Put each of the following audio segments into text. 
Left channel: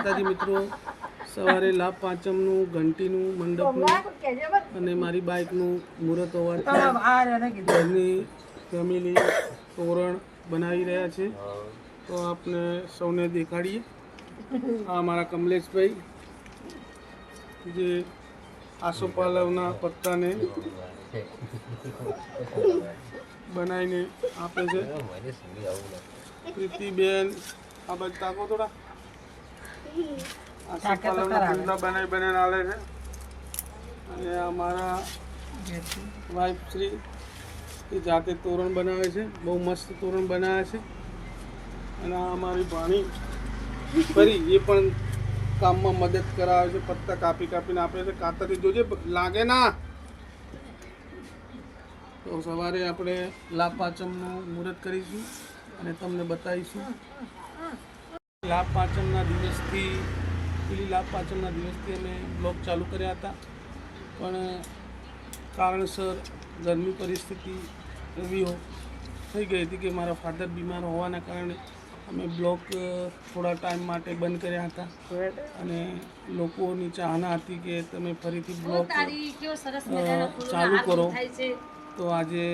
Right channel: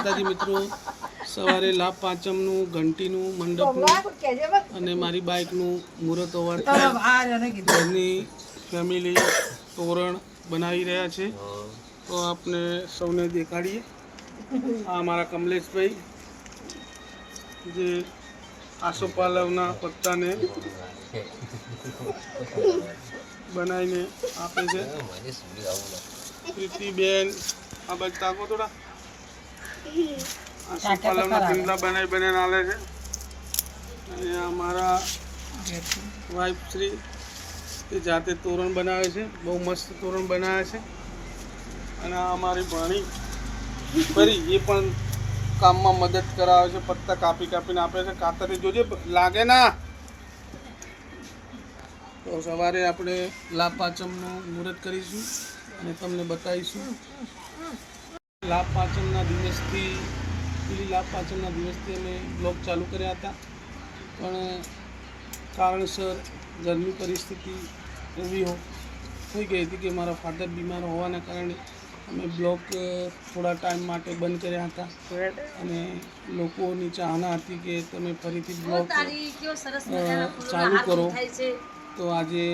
માતાજી મિત્રો, સવારે લાભ પાંચમનું ઘંટીનું મંડપનું અને મારી બાઇકનું મુહૂર્ત હોવાથી ઘરની ફેમિલી તોરણ બનાવી રહ્યા છે. તો આપને સૌને દેખાડીએ. આ અમારા કમલેશભાઈ જે આસોપાલવના પત્તાને બનાવીને આપે છે. પ્રીતિબેન આ બાજુ તાકો થોડા આસોપાલવના પિંગલા બનાવીને આલે છે. અને અમારા વાઇફ શ્રી એ જાતે તોરણ બનાવે છે. બહુ મસ્ત તોરણ બનાવે છે. અને આ અમારી ભાણી ફરી એ પણ કામમાં મદદ કરાવે છે. પત્તા કાપી કાપીને આપે છે. કાતરી જોજે લાગે ના. તો સવારે આપણે લાભ પાંચમનું મુહૂર્ત કરીશું અને તમને બતાવીશું. લાભ પાંચમના દિવસથી અમે બ્લોગ ચાલુ કર્યા હતા, પણ કારણસર ઘરની પરિસ્થિતિ એવી થઈ ગઈ હતી કે મારા ફાધર બીમાર હોવાના કારણે અમે બ્લોગ થોડા ટાઈમ માટે બંધ કર્યા હતા. અને લોકોની ચાહના હતી કે તમે ફરીથી બ્લોગ ચાલુ કરો. તો આજે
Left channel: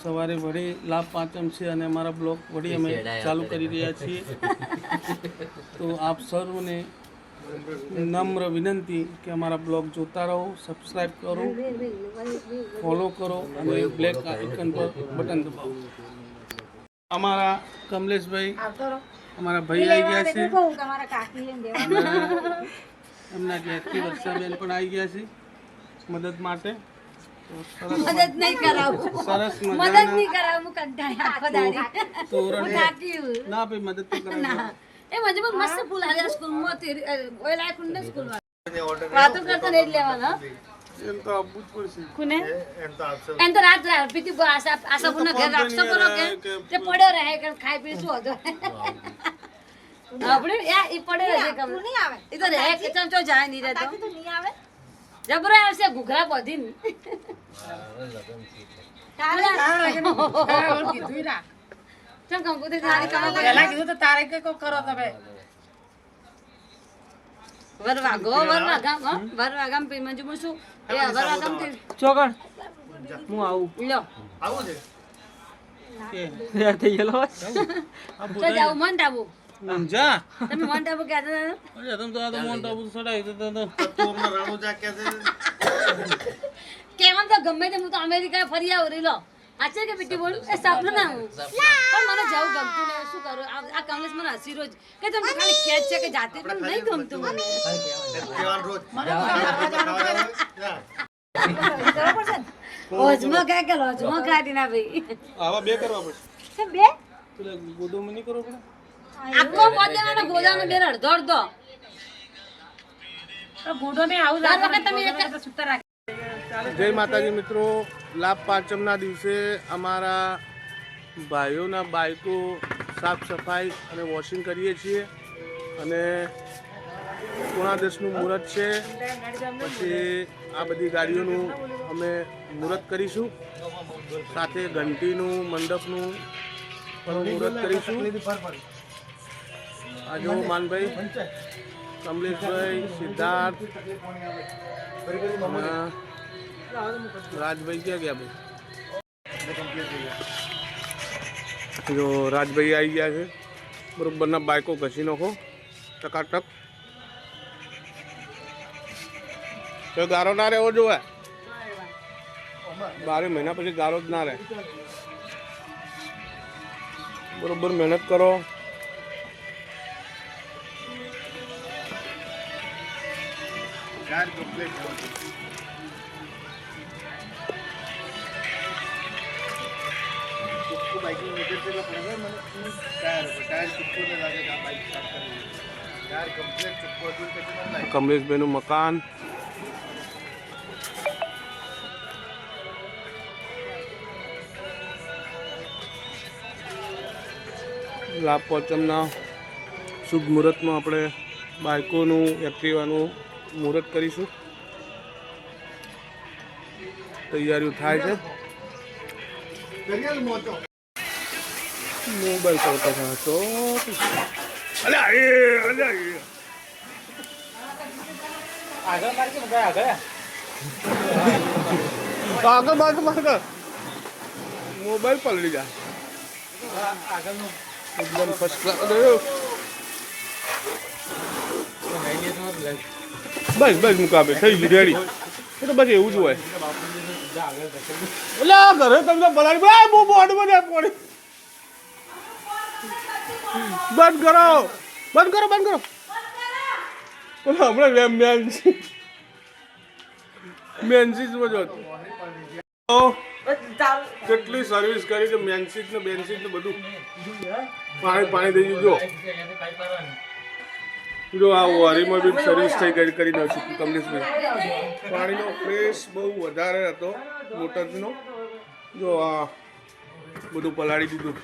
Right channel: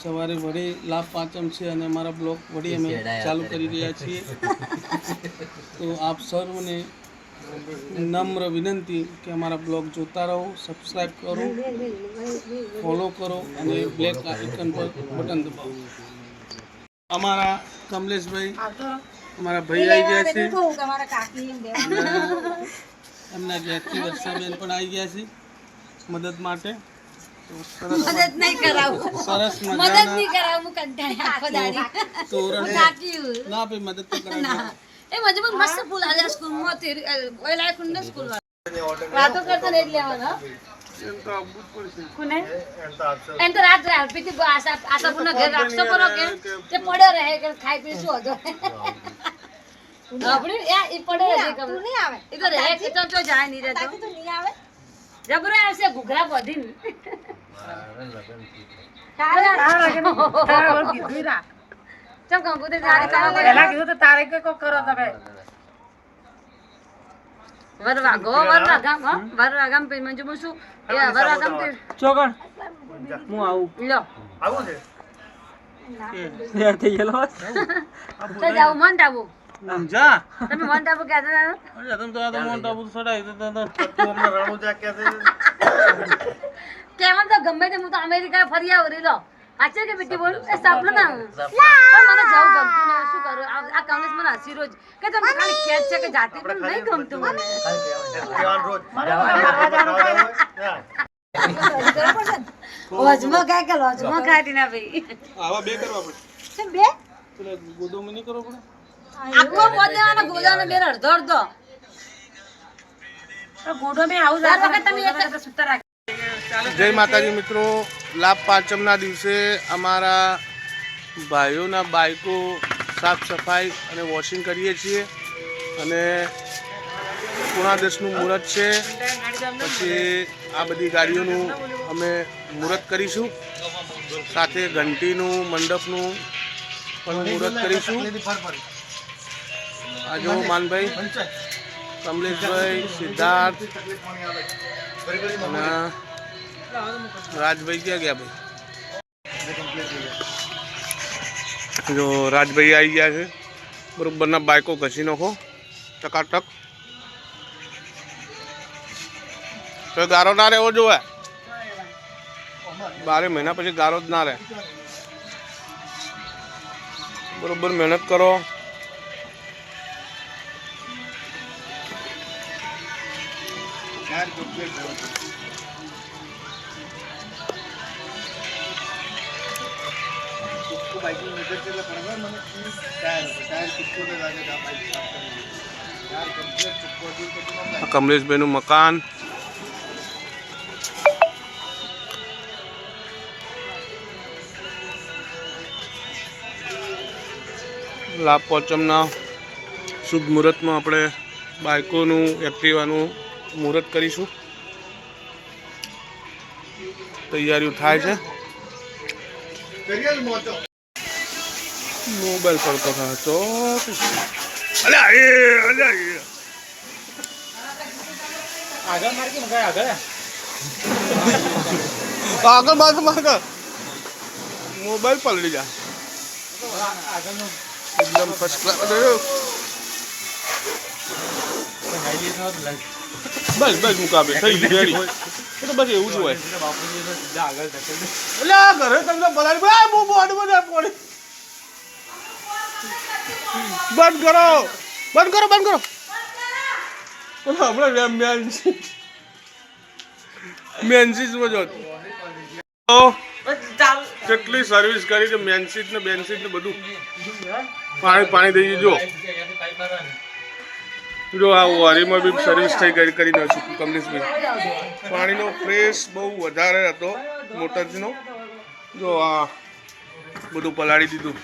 સવારે વળી લાભ પાંચમ છે અને અમારા બ્લોગ વળી અમે ચાલુ કરી રહ્યા છીએ. તો આપ સર્વને નમ્ર વિનંતી કે અમારા બ્લોગ જોતા રહો, સબસ્ક્રાઈબ કરો, ફોલો કરો અને બ્લેક આઇકન પર બટન દબાવો. અમારા કમલેશભાઈ અમારા ભાઈ આવી ગયા છે. એમના ઘેરથી વર્ષાબેન પણ આવી ગયા છે મદદ માટે. મદદ નહીં કરાવું, સરસ મદદ નહીં કરાવું, કંટાળી આખો દાડી તોરણ ના ભાઈ મદદ તો કરાવું. એ મજબૂત મસ્ત ફૂલ હાજર સ્કૂલ માં તેરી ઓય લાયક ને સ્કૂલ માં વાતો કરતા નહીં લેવાના. એમ તો અબૂત પડશે કોને એન તો રાત રાત પીતી આશા પુનો ઘર રાખસો પરો કે તે પડ્યો રહે કે ખાઈ પી શું હતો આપણે યા ઈ પડ્યો રહે કમ નહીં આવે. ઈ તો રહે કે તો જાય નહીં રહેતો તો નહીં આવે. જબરો આવશે ઘુઘરા પધીન તારા કીધું રા ચમ કમ પોતે તારે કામ પહેલા કીધું તો તારે કે કો કરો તમે વરવા ગામ પે મંજુ મુસુ એ વરવા ગામ તે ચોકણ હું આવું લો આવું છે યાર થઈ ગયો તો જાવ મન ટાબુ જા તમે મન ટાબુ કે હતા અરે તમે તો મન ટાબુ સડાઈ તો અમને રાણો જા કે છે કેમ તો ગમે તે હું તો અમેરિકા ફરી આવ રી લો આચે કે બેટી બોલ એ સપનું ના પણ મને જાવ ગમતું ને શું કરું. આ કમલેશ મને હસી રોજ કે તમે ખાલી કેચ છે કે જાતે પણ નહીં ગમતું મને ઓજમો કાય કે ઓજમો કાઢી ના ભાઈ આવા બે કરવા પડે કેમ બે પેલા ગોદો મની કરો પડે આખો ગોદાનો બે અડધો અડધો ગોડો મે આવું દર વખત તમે એક સુતા રાખ. જય માતાજી મિત્રો, લાભ પાંચમના દિવસે અમારા ભાઈઓના બાઇકો સાફ સફાઈ અને વોશિંગ કરીએ છીએ. અને 9:30નું મુહૂર્ત છે. પછી આ બધી ગાડીઓનું અમે મુહૂર્ત કરીશું. સાથે ઘંટીનું મંડપનું પણ મુહૂર્ત કરીશું. આજુ માનભાઈ, કમલેશભાઈ, સિદ્ધાર્થ અને રાજભાઈ ક્યાં ગયા ભાઈ? જો રાજભાઈ આવી ગયા છે. બરોબરના બાઇકો ઘસી નાખો ટકાટક. તો ગારો ના રહેવો જોવે. 12 મહિના પછી ગારો જ ના રહે. બરોબર મહેનત કરો. કમલેશભાઈનું મકાન. લાભ પાંચમના શુભ મુહૂર્તમાં આપણે બાઇકોનું એક્ટિવાનું મુહૂર્ત કરીશું. તૈયારીઓ થાય છે. મોબાઈલ કરતો હતો. અલ્યા આગળ માર મોબાઈલ પલળી જાય એકદમ ફર્સ્ટ ક્લાસ બસ બસ મુકાબે થઈ ગયું રેડી તો બસ એવું જ હોય એટલે ઘરે તમને બોલાવી બંધ કરો હમણાં મેન્સીસમાં જો કેટલી સર્વિસ કરી છે મેન્સીસ ને બધું પાણી થઈ ગયું જો આ વારીમાં બી સર્વિસ કરી નાખશું કમલેશભાઈ પાણીનો ફ્રેશ બહુ વધારે હતો મોટરનો જો આ બધું પલાળી દીધું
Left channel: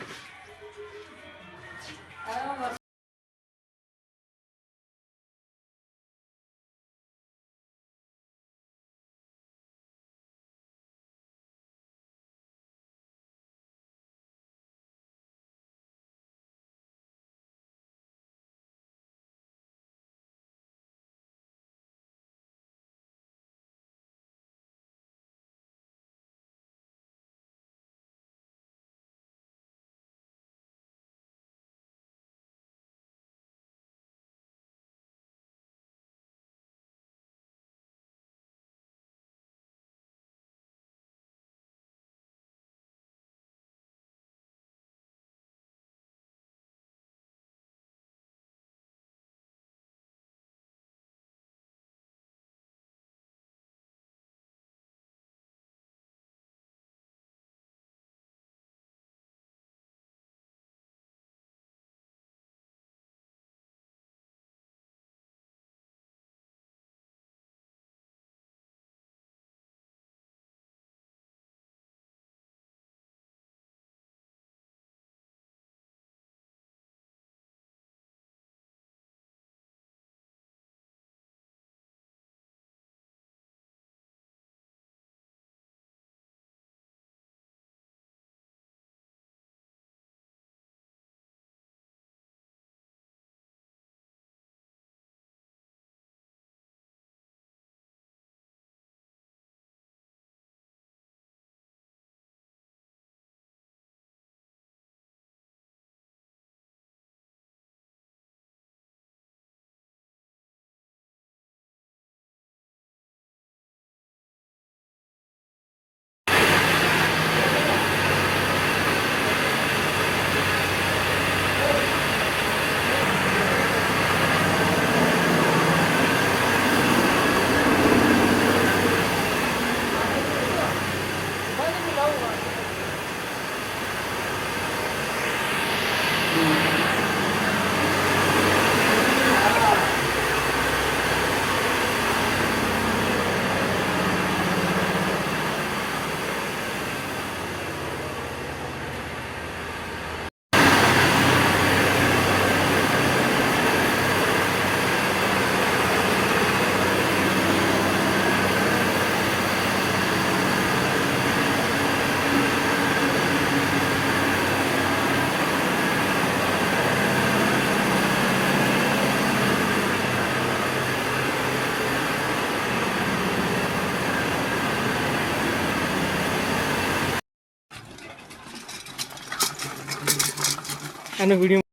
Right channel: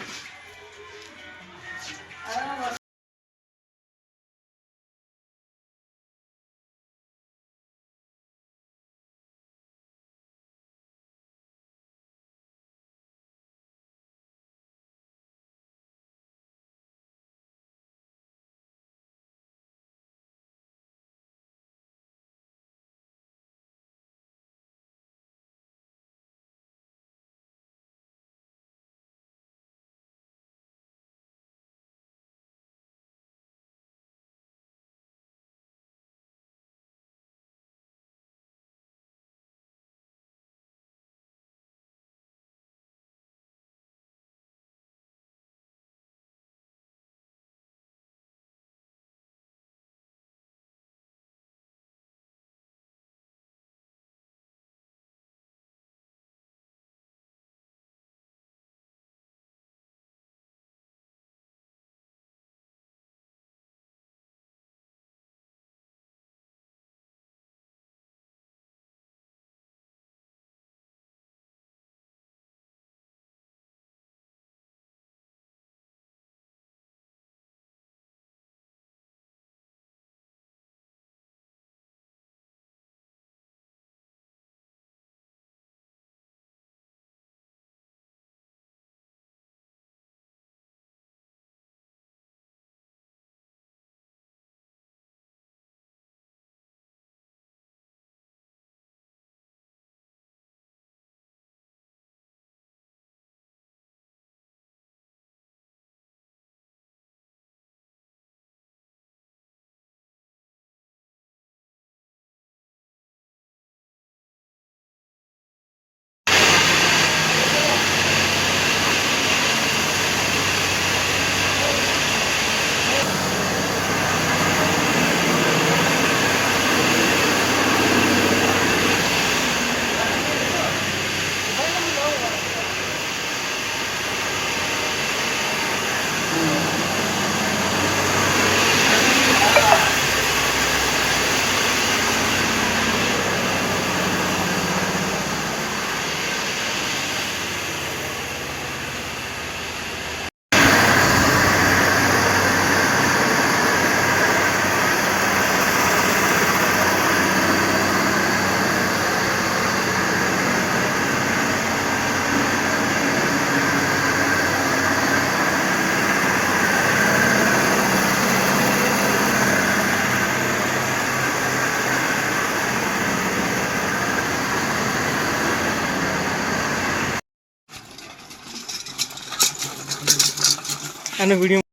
અને વિડીયો